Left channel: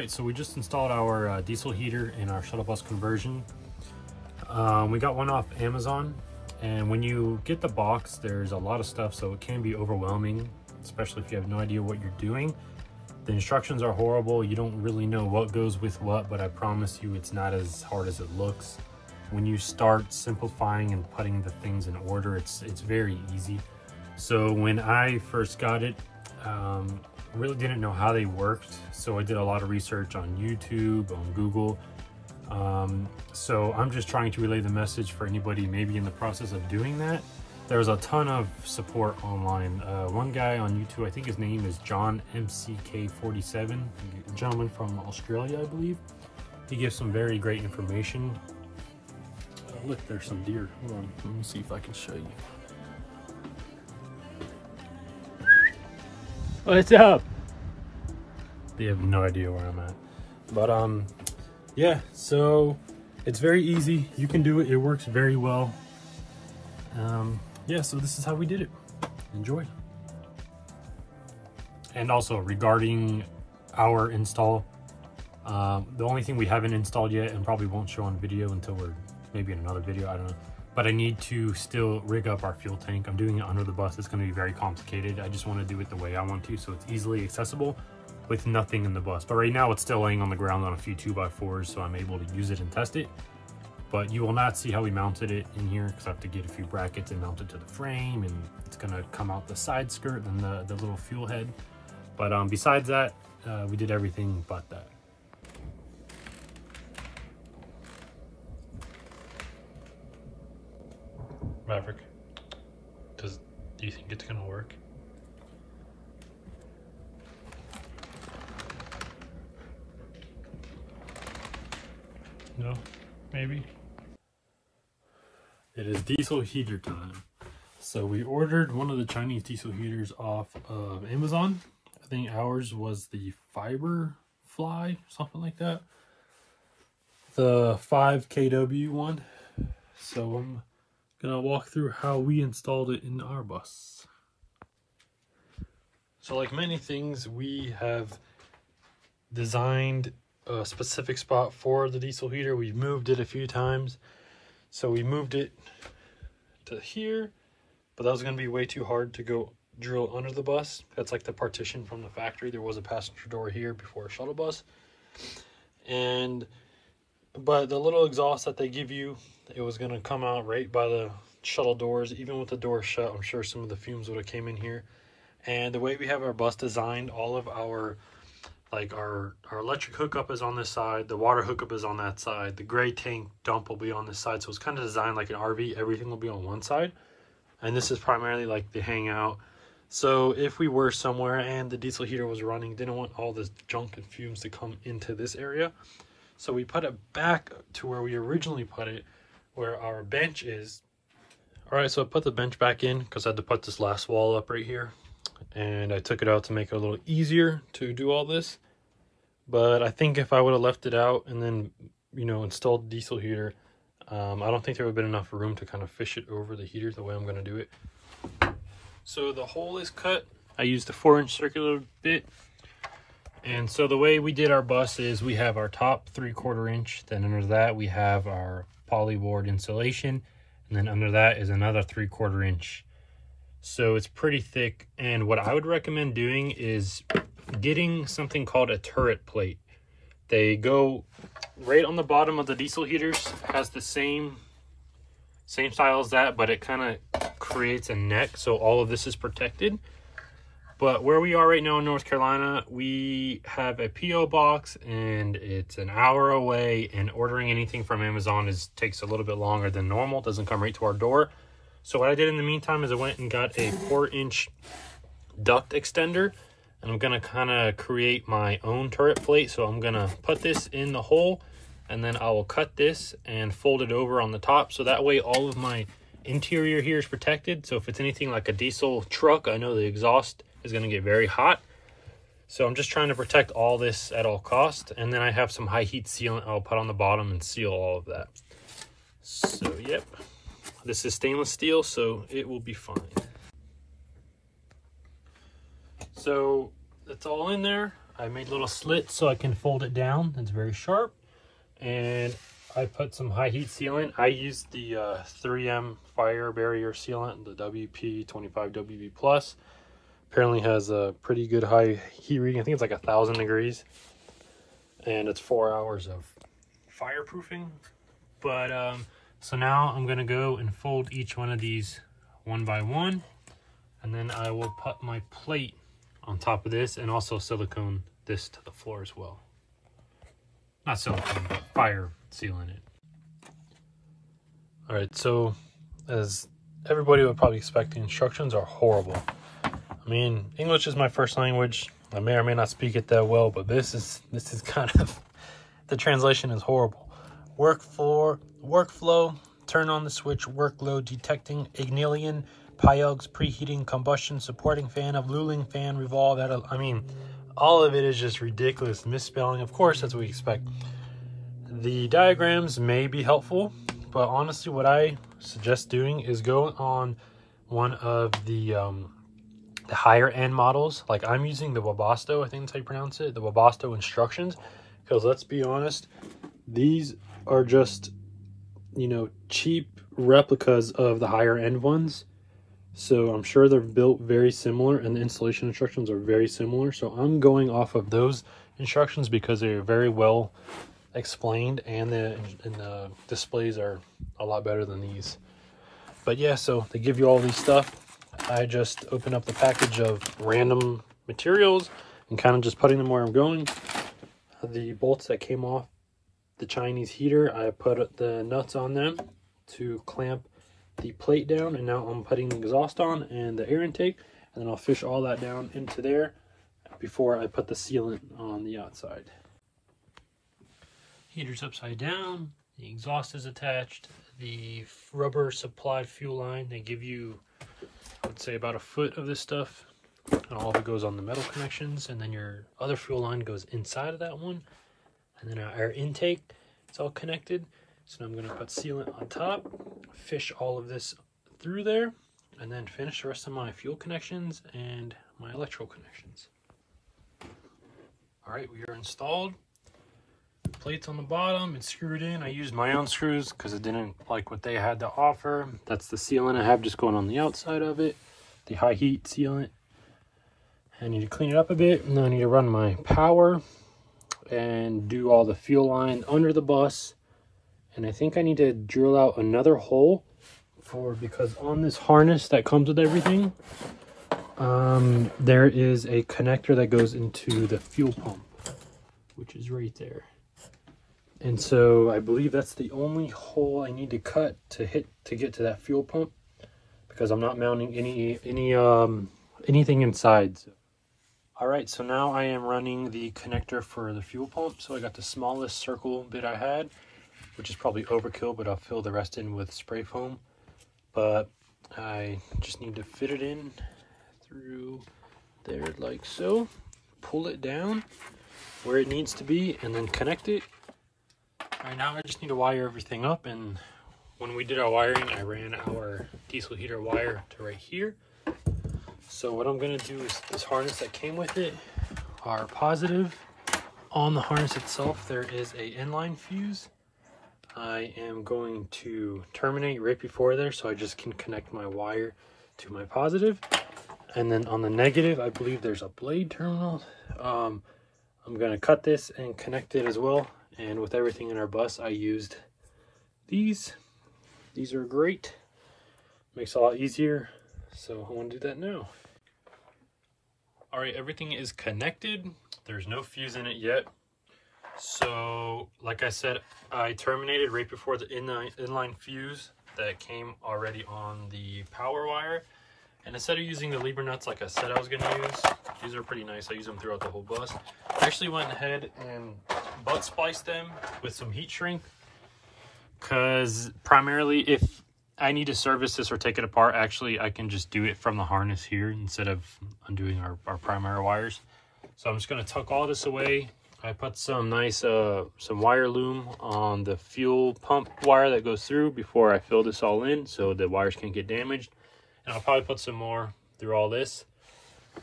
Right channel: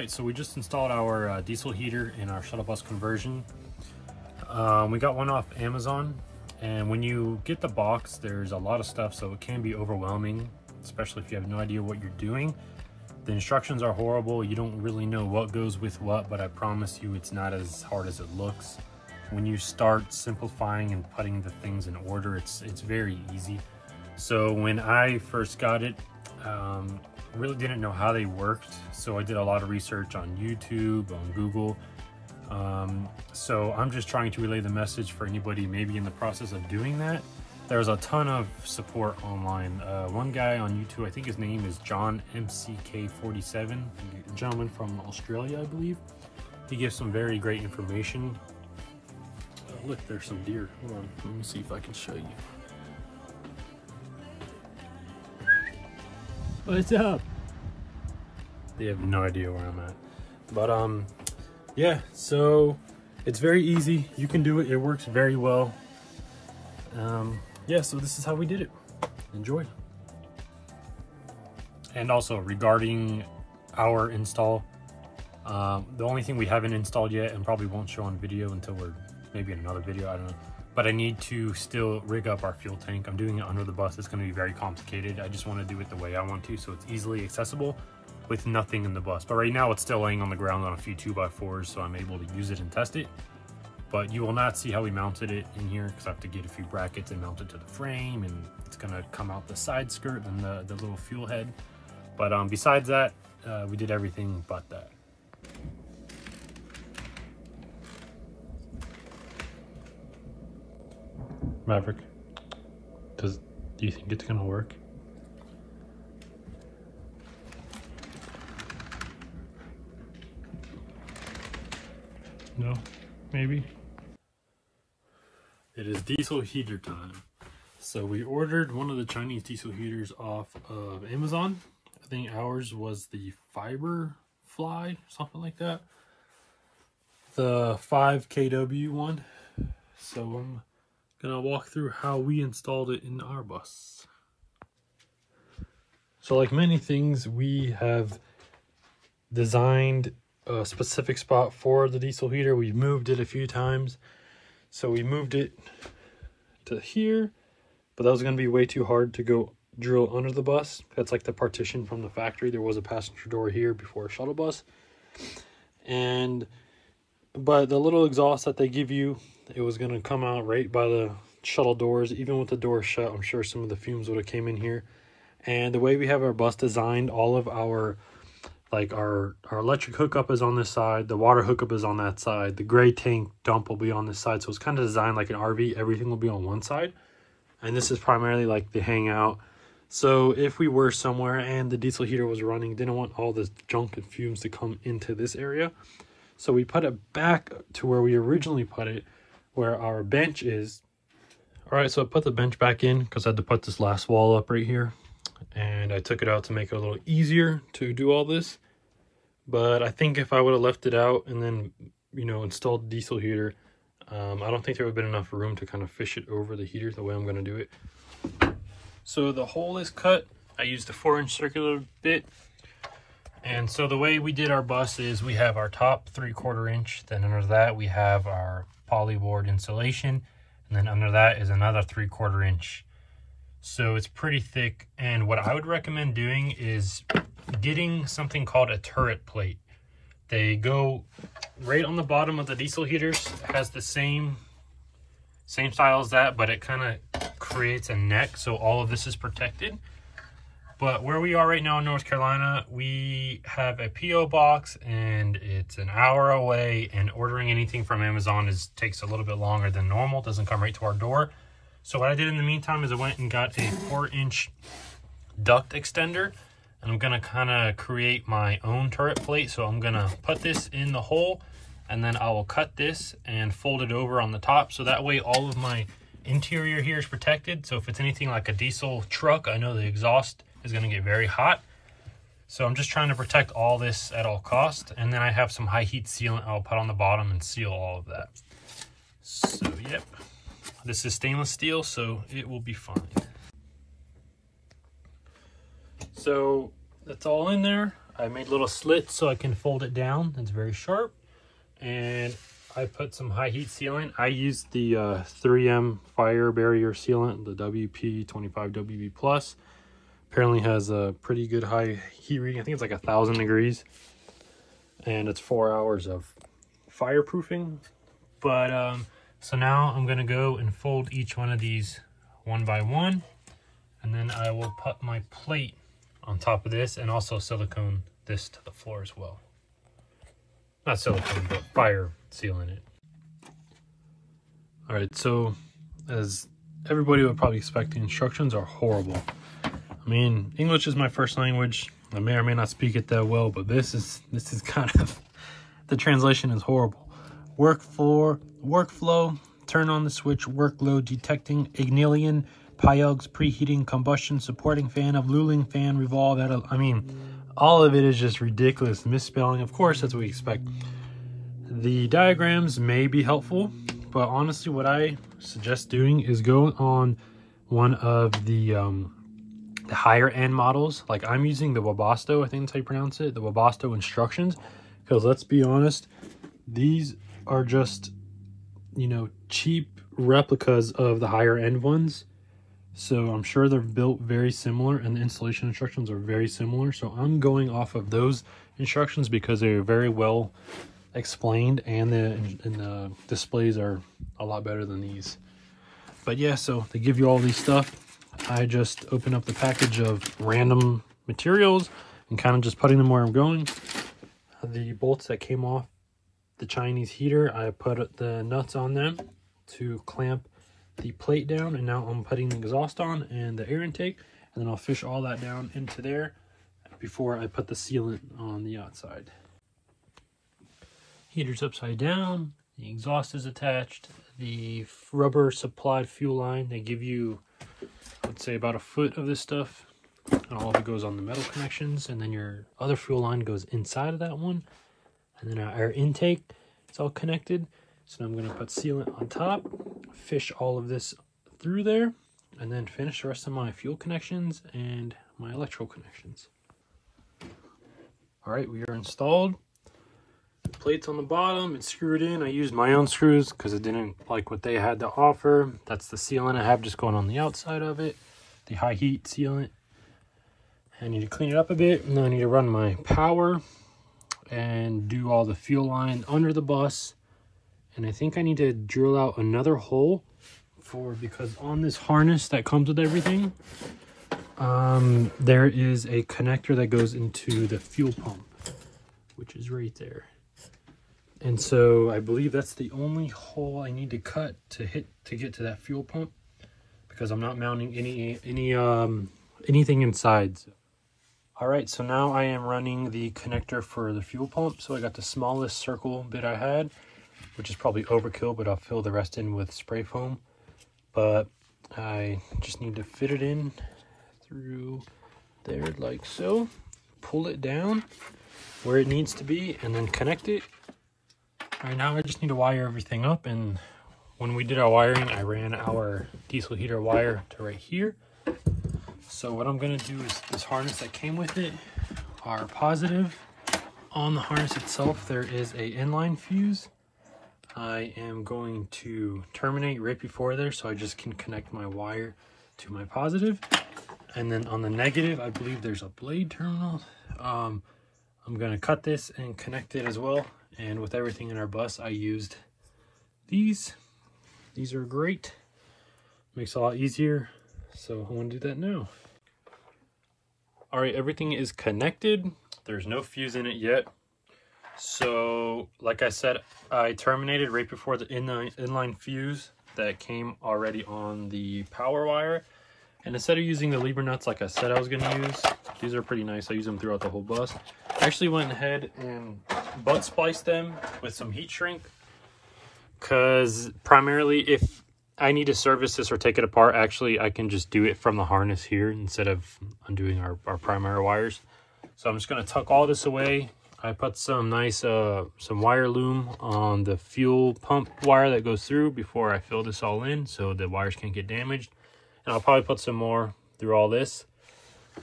right, so we just installed our diesel heater in our shuttle bus conversion. We got one off Amazon, and when you get the box, there's a lot of stuff, so it can be overwhelming, especially if you have no idea what you're doing. The instructions are horrible. You don't really know what goes with what, but I promise you it's not as hard as it looks. When you start simplifying and putting the things in order, it's very easy. So when I first got it, really didn't know how they worked, so I did a lot of research on YouTube, on Google. So I'm just trying to relay the message for anybody maybe in the process of doing that. There's a ton of support online. One guy on YouTube, I think his name is John MCK47, a gentleman from Australia, I believe. He gives some very great information. Oh, look, there's some deer. Hold on, let me see if I can show you. What's up? They have no idea where I'm at. But yeah, so it's very easy. You can do it. It works very well. Yeah, so this is how we did it. Enjoy. And also regarding our install, the only thing we haven't installed yet and probably won't show on video until we're maybe in another video, I don't know. But I need to still rig up our fuel tank. I'm doing it under the bus. It's going to be very complicated. I just want to do it the way I want to, so it's easily accessible with nothing in the bus. But right now it's still laying on the ground on a few 2x4s, so I'm able to use it and test it. But you will not see how we mounted it in here because I have to get a few brackets and mount it to the frame, and it's going to come out the side skirt and the little fuel head. But besides that, we did everything but that. Maverick, do you think it's gonna work? No, maybe. It is diesel heater time. So we ordered one of the Chinese diesel heaters off of Amazon. I think ours was the Fiber Fly, something like that. The 5 kW one. So I'm gonna walk through how we installed it in our bus. So like many things, we have designed a specific spot for the diesel heater. We've moved it a few times. So we moved it to here, but that was gonna be way too hard to go drill under the bus. That's like the partition from the factory. There was a passenger door here before a shuttle bus. But the little exhaust that they give you, it was going to come out right by the shuttle doors. Even with the door shut, I'm sure some of the fumes would have came in here. And the way we have our bus designed, all of our electric hookup is on this side, the water hookup is on that side, the gray tank dump will be on this side. So it's kind of designed like an RV. Everything will be on one side. And this is primarily like the hangout. So if we were somewhere and the diesel heater was running, didn't want all this junk and fumes to come into this area. So we put it back to where we originally put it, where our bench is. All right, so I put the bench back in because I had to put this last wall up right here. And I took it out to make it a little easier to do all this. But I think if I would have left it out and then, you know, installed the diesel heater, I don't think there would have been enough room to kind of fish it over the heater the way I'm going to do it. So the hole is cut. I used a 4-inch circular bit. And so the way we did our bus is we have our top 3/4 inch, then under that we have our polyboard insulation, and then under that is another 3/4 inch. So it's pretty thick, and what I would recommend doing is getting something called a turret plate. They go right on the bottom of the diesel heaters. It has the same style as that, but it kind of creates a neck, so all of this is protected. But where we are right now in North Carolina, we have a P.O. box and it's an hour away, and ordering anything from Amazon takes a little bit longer than normal. It doesn't come right to our door. So what I did in the meantime is I went and got a 4-inch duct extender, and I'm gonna kind of create my own turret plate. So I'm gonna put this in the hole, and then I will cut this and fold it over on the top. So that way all of my interior here is protected. So if it's anything like a diesel truck, I know the exhaust is going to get very hot. So I'm just trying to protect all this at all costs. And then I have some high heat sealant I'll put on the bottom and seal all of that. So yep, this is stainless steel, so it will be fine. So that's all in there. I made little slits so I can fold it down. It's very sharp. And I put some high heat sealant. I used the 3M fire barrier sealant, the WP25 WB Plus. Apparently has a pretty good high heat reading. I think it's like 1,000 degrees. And it's 4 hours of fireproofing. But so now I'm gonna go and fold each one of these one by one. And then I will put my plate on top of this and also silicone this to the floor as well. Not silicone, but fire sealing it. All right, so as everybody would probably expect, the instructions are horrible. I mean, English is my first language. I may or may not speak it that well, but this is kind of, the translation is horrible. Workflow, turn on the switch, workload detecting, Ignalian, Pyogs, preheating, combustion, supporting fan of Luling fan, revolve. I mean, all of it is just ridiculous misspelling. Of course, that's what we expect. The diagrams may be helpful, but honestly, what I suggest doing is go on one of the higher end models. Like I'm using the Webasto, I think that's how you pronounce it, the Webasto instructions, because let's be honest, these are just, you know, cheap replicas of the higher end ones. So I'm sure they're built very similar and the installation instructions are very similar. So I'm going off of those instructions because they're very well explained and the displays are a lot better than these. But yeah, so they give you all these stuff. I just open up the package of random materials and kind of just putting them where I'm going. The bolts that came off the Chinese heater, I put the nuts on them to clamp the plate down, and now I'm putting the exhaust on and the air intake, and then I'll fish all that down into there before I put the sealant on the outside. Heater's upside down, the exhaust is attached, the rubber supplied fuel line, they give you, I would say, about a foot of this stuff, and all of it goes on the metal connections, and then your other fuel line goes inside of that one, and then our air intake is all connected. So now I'm going to put sealant on top, fish all of this through there, and then finish the rest of my fuel connections and my electrical connections. All right, we are installed. The plate's on the bottom, it's screwed in. I used my own screws because I didn't like what they had to offer. That's the sealant I have just going on the outside of it, the high heat sealant. I need to clean it up a bit, and then I need to run my power and do all the fuel line under the bus. And I think I need to drill out another hole because on this harness that comes with everything, there is a connector that goes into the fuel pump, which is right there. And so I believe that's the only hole I need to cut to get to that fuel pump, because I'm not mounting anything inside. All right, so now I am running the connector for the fuel pump. So I got the smallest circle bit I had, which is probably overkill, but I'll fill the rest in with spray foam. But I just need to fit it in through there like so, pull it down where it needs to be, and then connect it. All right, now I just need to wire everything up, and when we did our wiring, I ran our diesel heater wire to right here. So what I'm gonna do is this harness that came with it are positive. On the harness itself, there is a inline fuse. I am going to terminate right before there, so I just can connect my wire to my positive. And then on the negative, I believe there's a blade terminal. I'm gonna cut this and connect it as well. And with everything in our bus, I used these. These are great. Makes it a lot easier. So I'm gonna do that now. All right, everything is connected. There's no fuse in it yet. So like I said, I terminated right before the inline fuse that came already on the power wire. And instead of using the lever nuts like I said I was gonna use, these are pretty nice. I use them throughout the whole bus. I actually went ahead and butt spliced them with some heat shrink, because primarily if I need to service this or take it apart, actually I can just do it from the harness here instead of undoing our primary wires. So I'm just gonna tuck all this away. I put some nice some wire loom on the fuel pump wire that goes through before I fill this all in, so the wires can't get damaged. And I'll probably put some more through all this.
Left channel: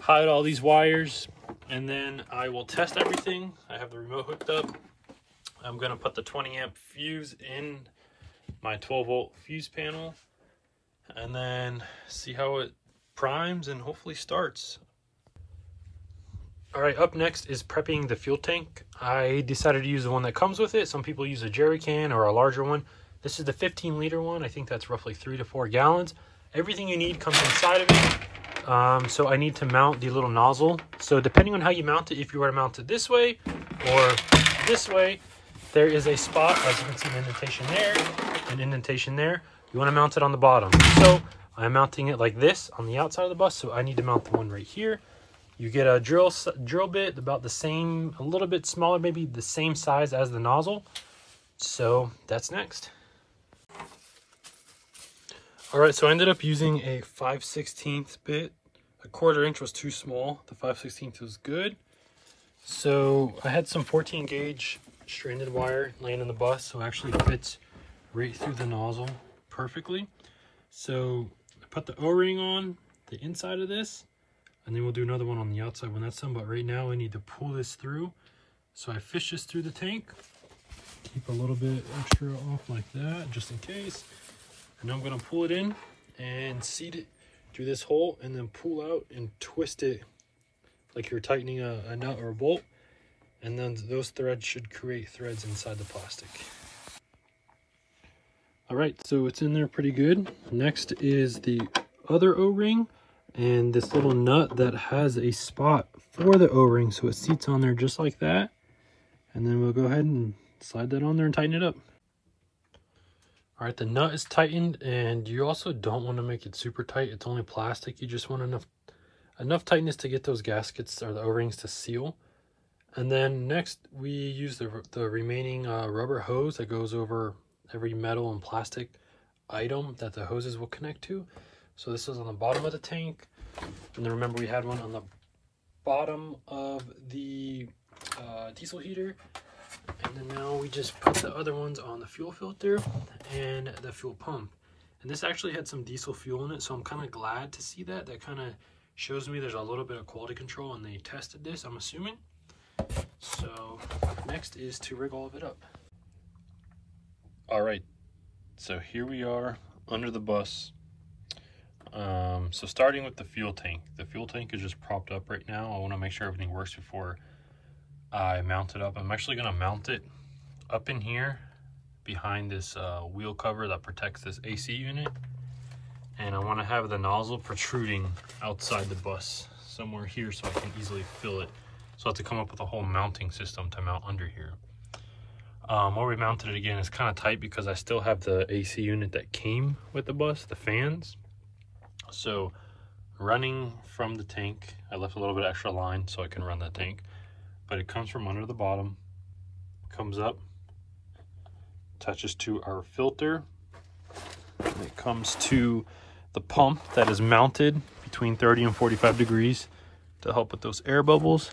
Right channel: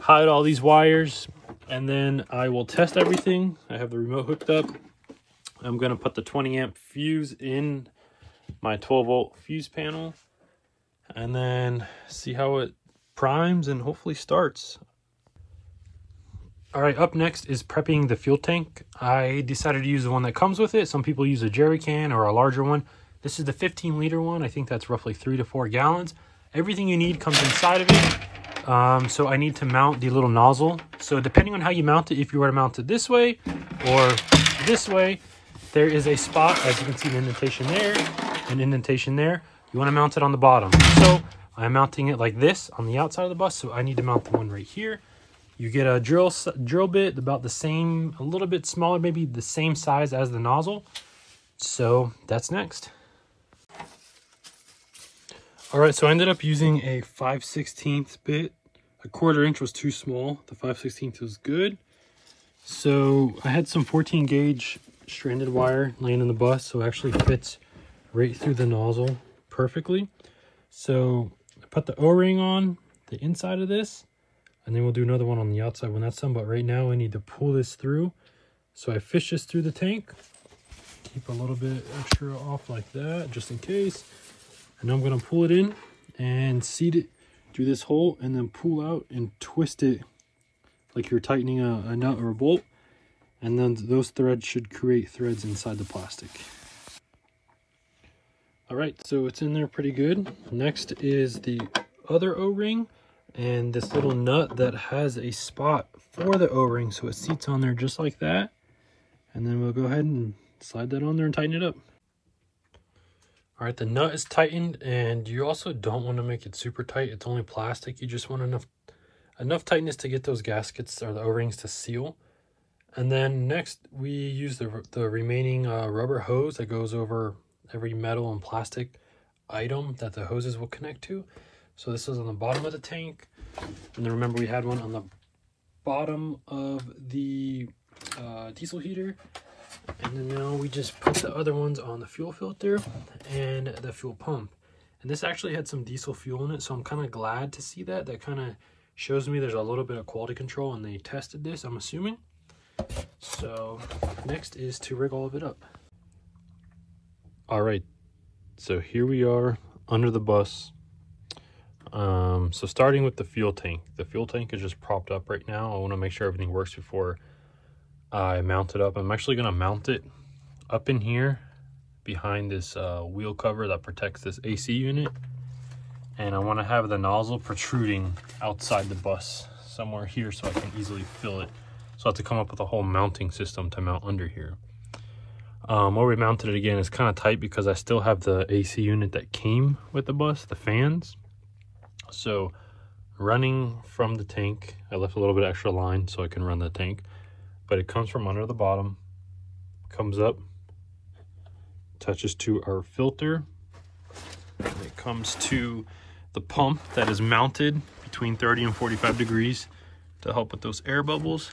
Hide all these wires, And then I will test everything. I have the remote hooked up. I'm gonna put the 20 amp fuse in my 12 volt fuse panel and then see how it primes and hopefully starts. All right, up next is prepping the fuel tank. I decided to use the one that comes with it. Some people use a jerry can or a larger one. This is the 15-liter one. I think that's roughly 3 to 4 gallons. Everything you need comes inside of it. So I need to mount the little nozzle. So depending on how you mount it, if you were to mount it this way or this way, there is a spot, as you can see, an indentation there, an indentation there. You want to mount it on the bottom. So I'm mounting it like this on the outside of the bus. So I need to mount the one right here. You get a drill bit about the same, a little bit smaller, maybe the same size as the nozzle. So that's next. All right, so I ended up using a 5/16 bit. A 1/4 inch was too small. The 5/16 was good. So I had some 14 gauge stranded wire laying in the bus, so it actually fits right through the nozzle perfectly. So I put the O-ring on the inside of this, and then we'll do another one on the outside when that's done. But right now I need to pull this through. So I fish this through the tank. Keep a little bit extra off like that, just in case. And I'm gonna pull it in and seat it through this hole and then pull out and twist it like you're tightening a nut or a bolt. And then those threads should create threads inside the plastic. All right, so it's in there pretty good. Next is the other O-ring and this little nut that has a spot for the O-ring, so it seats on there just like that. And then we'll go ahead and slide that on there and tighten it up. All right, the nut is tightened, and you also don't want to make it super tight. It's only plastic. You just want enough tightness to get those gaskets or the O-rings to seal. And then next we use the remaining rubber hose that goes over every metal and plastic item that the hoses will connect to. So this is on the bottom of the tank. And then remember we had one on the bottom of the diesel heater. And then now we just put the other ones on the fuel filter and the fuel pump. And this actually had some diesel fuel in it, so I'm kind of glad to see that. That kind of shows me there's a little bit of quality control and they tested this, I'm assuming. So next is to rig all of it up. All right, so here we are under the bus. So starting with the fuel tank. The fuel tank is just propped up right now. I want to make sure everything works before I mount it up. I'm actually going to mount it up in here behind this wheel cover that protects this AC unit. And I want to have the nozzle protruding outside the bus somewhere here so I can easily fill it. So I have to come up with a whole mounting system to mount under here. Where we mounted it again is kind of tight because I still have the AC unit that came with the bus, the fans. So running from the tank, I left a little bit extra line so I can run the tank, but it comes from under the bottom, comes up, touches to our filter, and it comes to the pump that is mounted between 30 and 45 degrees to help with those air bubbles.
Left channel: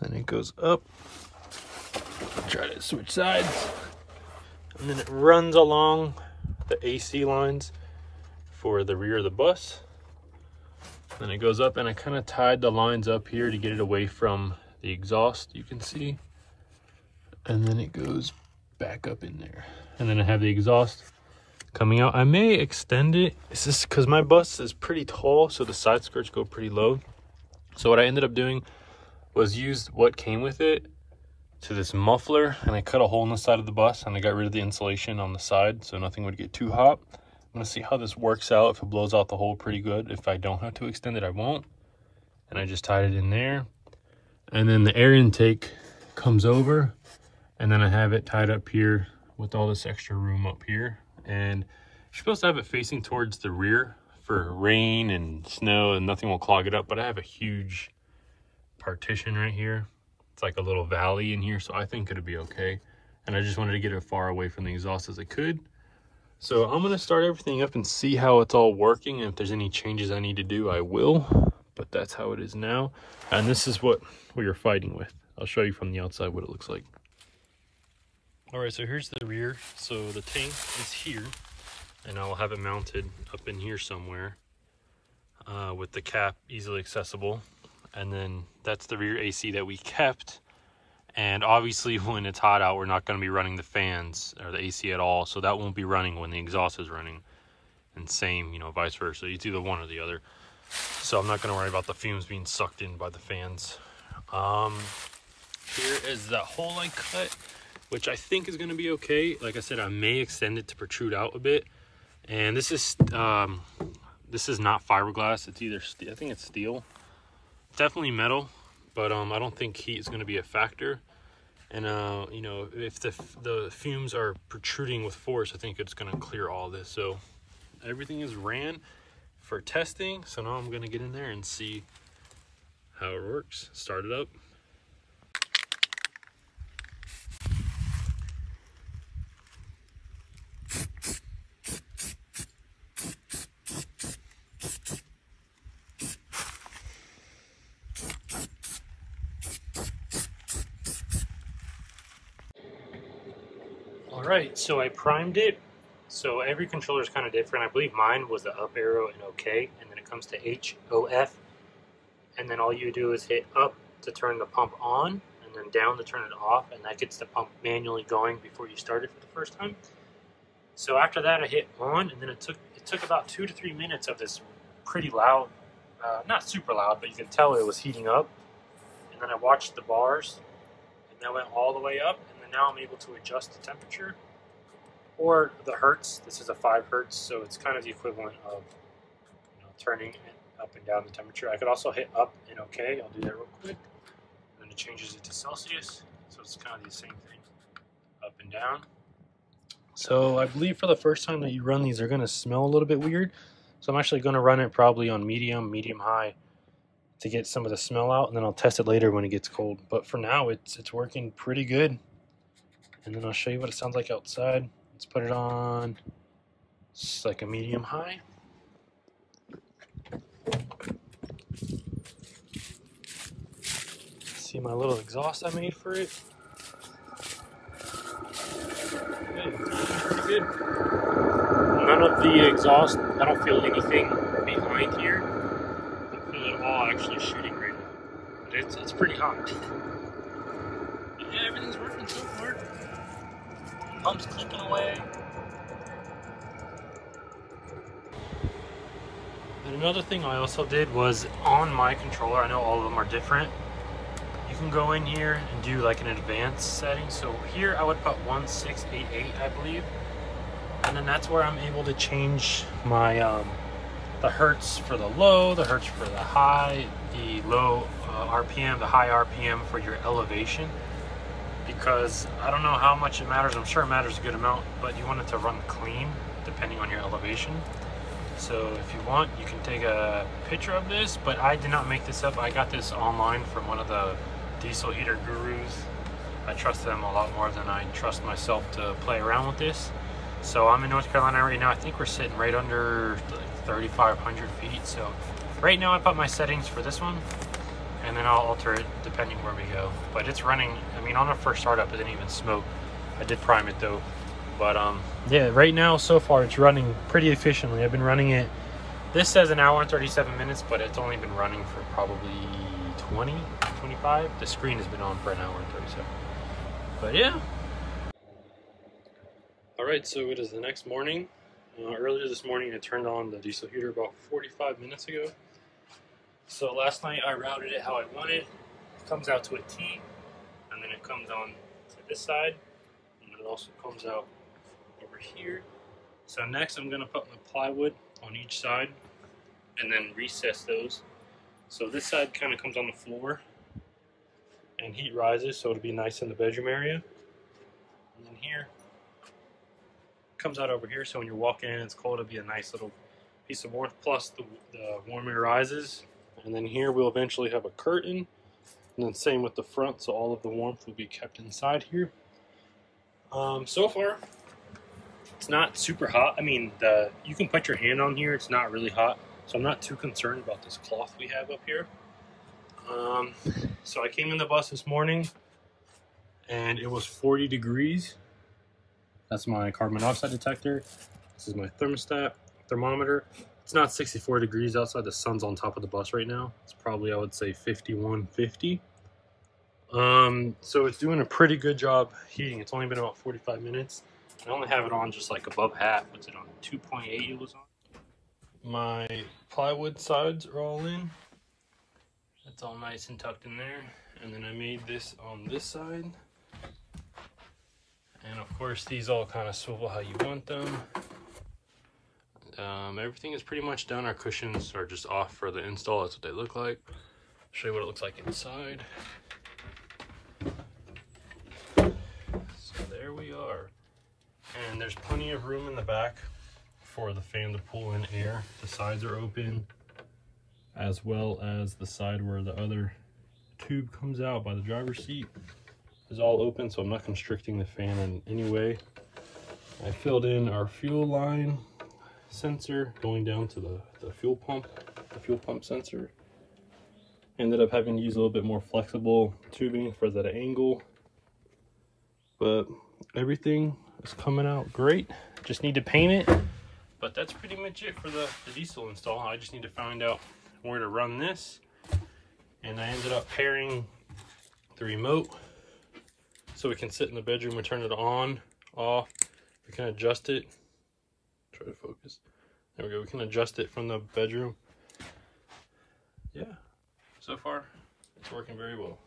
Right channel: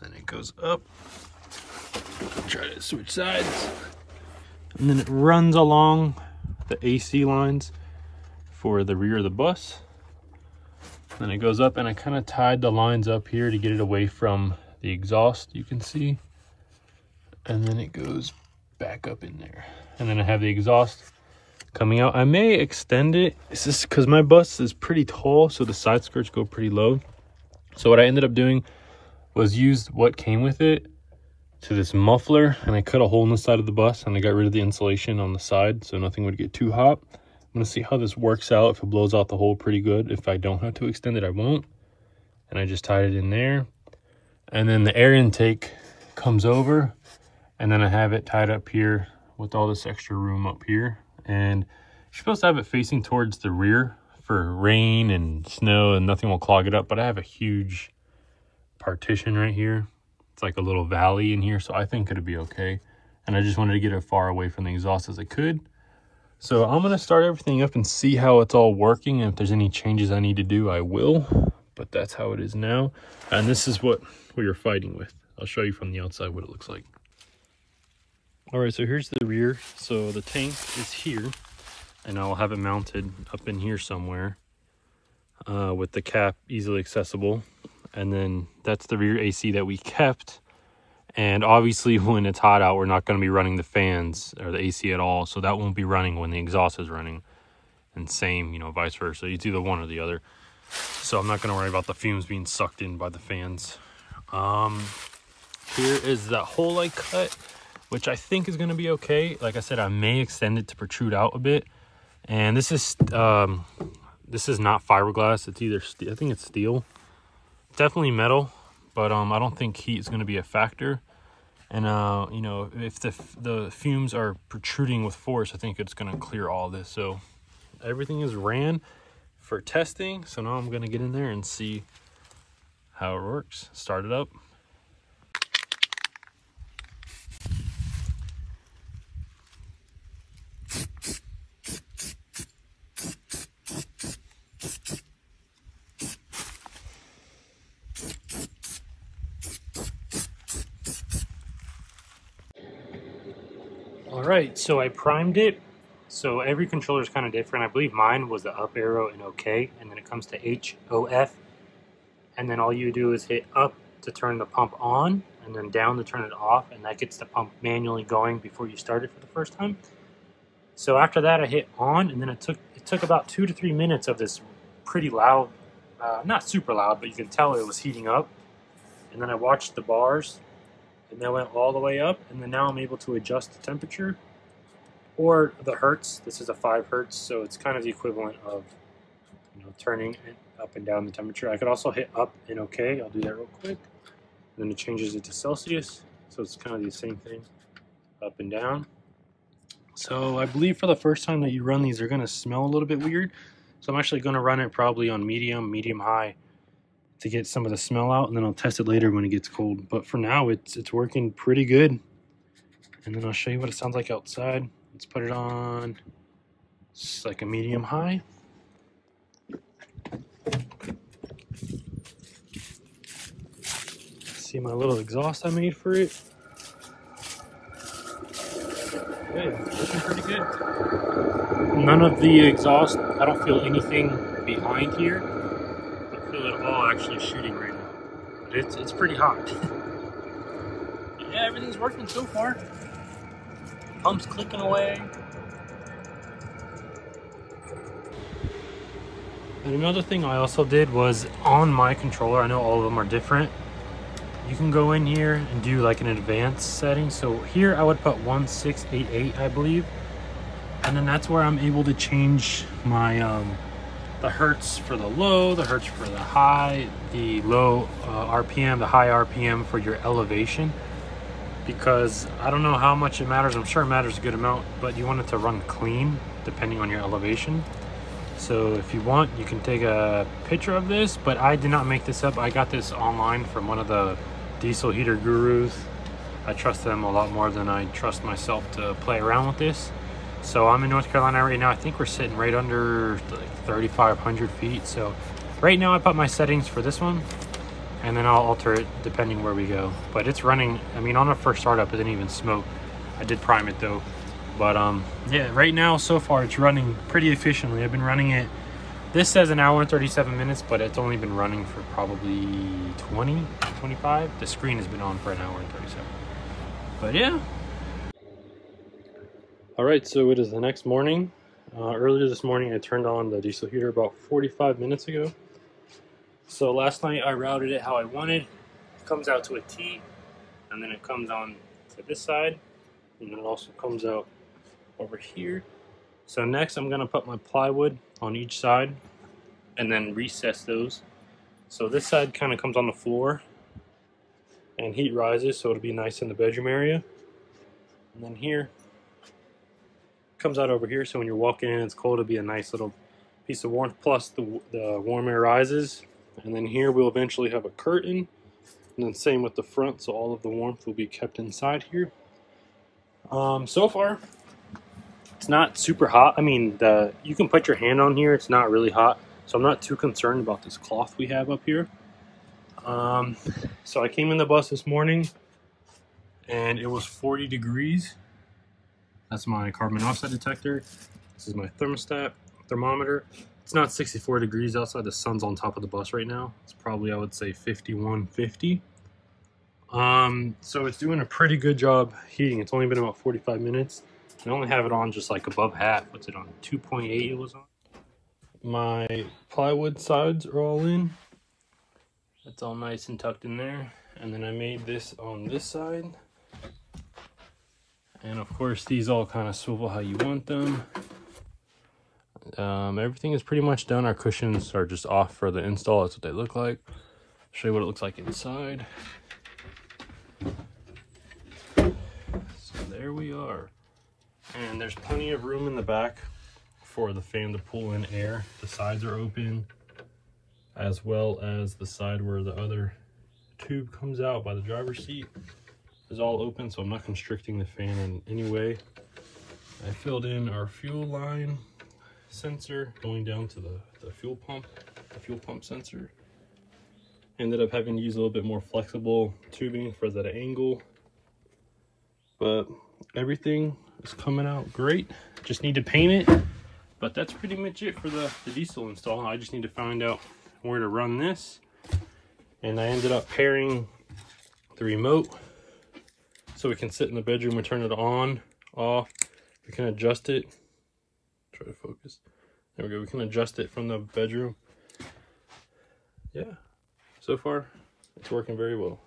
Then it goes up, try to switch sides, and then it runs along the AC lines for the rear of the bus. Then it goes up, and I kind of tied the lines up here to get it away from the exhaust, you can see. And then it goes back up in there. And then I have the exhaust coming out. I may extend it. It's just because my bus is pretty tall, so the side skirts go pretty low. So what I ended up doing was use what came with it to this muffler, and I cut a hole in the side of the bus, and I got rid of the insulation on the side so nothing would get too hot. I'm gonna see how this works out. If it blows out the hole pretty good. If I don't have to extend it, I won't. And I just tied it in there. And then the air intake comes over, and then I have it tied up here with all this extra room up here. And you're supposed to have it facing towards the rear for rain and snow and nothing will clog it up. But I have a huge partition right here. It's like a little valley in here, so I think it'll be okay. And I just wanted to get it far away from the exhaust as I could. So I'm gonna start everything up and see how it's all working. And if there's any changes I need to do, I will. But that's how it is now. And this is what we are fighting with. I'll show you from the outside what it looks like. All right, so here's the rear. So the tank is here, and I'll have it mounted up in here somewhere with the cap easily accessible. And then that's the rear AC that we kept. And obviously when it's hot out, we're not going to be running the fans or the AC at all. So that won't be running when the exhaust is running. And same, you know, vice versa. It's either one or the other. So I'm not going to worry about the fumes being sucked in by the fans. Here is that hole I cut, which I think is going to be okay. Like I said, I may extend it to protrude out a bit. And this is not fiberglass. It's either I think it's steel. Definitely metal, but I don't think heat is going to be a factor. And you know, if the fumes are protruding with force, I think it's going to clear all this. So everything is ran for testing. So now I'm going to get in there and see how it works. Start it up. All right, so I primed it. So every controller is kind of different. I believe mine was the up arrow and OK, and then it comes to HOF. And then all you do is hit up to turn the pump on, and then down to turn it off, and that gets the pump manually going before you start it for the first time. So after that, I hit on, and then it took about 2 to 3 minutes of this pretty loud, not super loud, but you can tell it was heating up. And then I watched the bars, and that went all the way up, and then now I'm able to adjust the temperature or the hertz. This is a 5 hertz, so it's kind of the equivalent of, you know, turning it up and down the temperature. I could also hit up and OK. I'll do that real quick. And then it changes it to Celsius, so it's kind of the same thing, up and down. So I believe for the first time that you run these, they're going to smell a little bit weird. So I'm actually going to run it probably on medium high to get some of the smell out, and then I'll test it later when it gets cold. But for now, it's working pretty good. And then I'll show you what it sounds like outside. Let's put it on just like a medium high. See my little exhaust I made for it. Okay, it's looking pretty good. None of the exhaust, I don't feel anything behind here. I feel it all actually shooting right now. But it's pretty hot. Yeah, everything's working so far. Pump's clicking away. And another thing I also did was on my controller, I know all of them are different. You can go in here and do like an advanced setting. So here I would put 1688, I believe. And then that's where I'm able to change my the hertz for the low, the hertz for the high, the low RPM, the high RPM for your elevation. Because I don't know how much it matters. I'm sure it matters a good amount, but you want it to run clean depending on your elevation. So if you want, you can take a picture of this, but I did not make this up. I got this online from one of the diesel heater gurus. I trust them a lot more than I trust myself to play around with this. So I'm in North Carolina right now. I think we're sitting right under like 3,500 feet. So right now I put my settings for this one, and then I'll alter it depending where we go. But it's running, I mean, on the first startup, it didn't even smoke. I did prime it though. But yeah, right now, so far, it's running pretty efficiently. I've been running it, this says an hour and 37 minutes, but it's only been running for probably 20, 25. The screen has been on for an hour and 37. But yeah. All right, so it is the next morning. Earlier this morning, I turned on the diesel heater about 45 minutes ago. So last night, I routed it how I wanted. It comes out to a T, and then it comes on to this side, and then it also comes out over here. So next I'm gonna put my plywood on each side and then recess those. So this side kind of comes on the floor and heat rises, so it'll be nice in the bedroom area. And then here comes out over here, so when you're walking in, it's cold, it'll be a nice little piece of warmth, plus the warm air rises. And then here we'll eventually have a curtain, and then same with the front, so all of the warmth will be kept inside here. So far, it's not super hot. I mean, you can put your hand on here. It's not really hot. So I'm not too concerned about this cloth we have up here. So I came in the bus this morning and it was 40 degrees. That's my carbon monoxide detector. This is my thermometer. It's not 64 degrees outside. The sun's on top of the bus right now. It's probably, I would say, 51, 50. So it's doing a pretty good job heating. It's only been about 45 minutes. I only have it on just like above half. What's it on? 2.8 it was on. My plywood sides are all in. That's all nice and tucked in there. And then I made this on this side. And of course, these all kind of swivel how you want them. Everything is pretty much done. Our cushions are just off for the install. That's what they look like. Show you what it looks like inside. So there we are. And there's plenty of room in the back for the fan to pull in air. The sides are open, as well as the side where the other tube comes out by the driver's seat is all open, so I'm not constricting the fan in any way. I filled in our fuel line sensor going down to the fuel pump sensor. Ended up having to use a little bit more flexible tubing for that angle, but everything is coming out great. Just need to paint it, but that's pretty much it for the diesel install. I just need to find out where to run this, and I ended up pairing the remote so we can sit in the bedroom and turn it on, off. We can adjust it. Try to focus. There we go. We can adjust it from the bedroom. Yeah, so far it's working very well.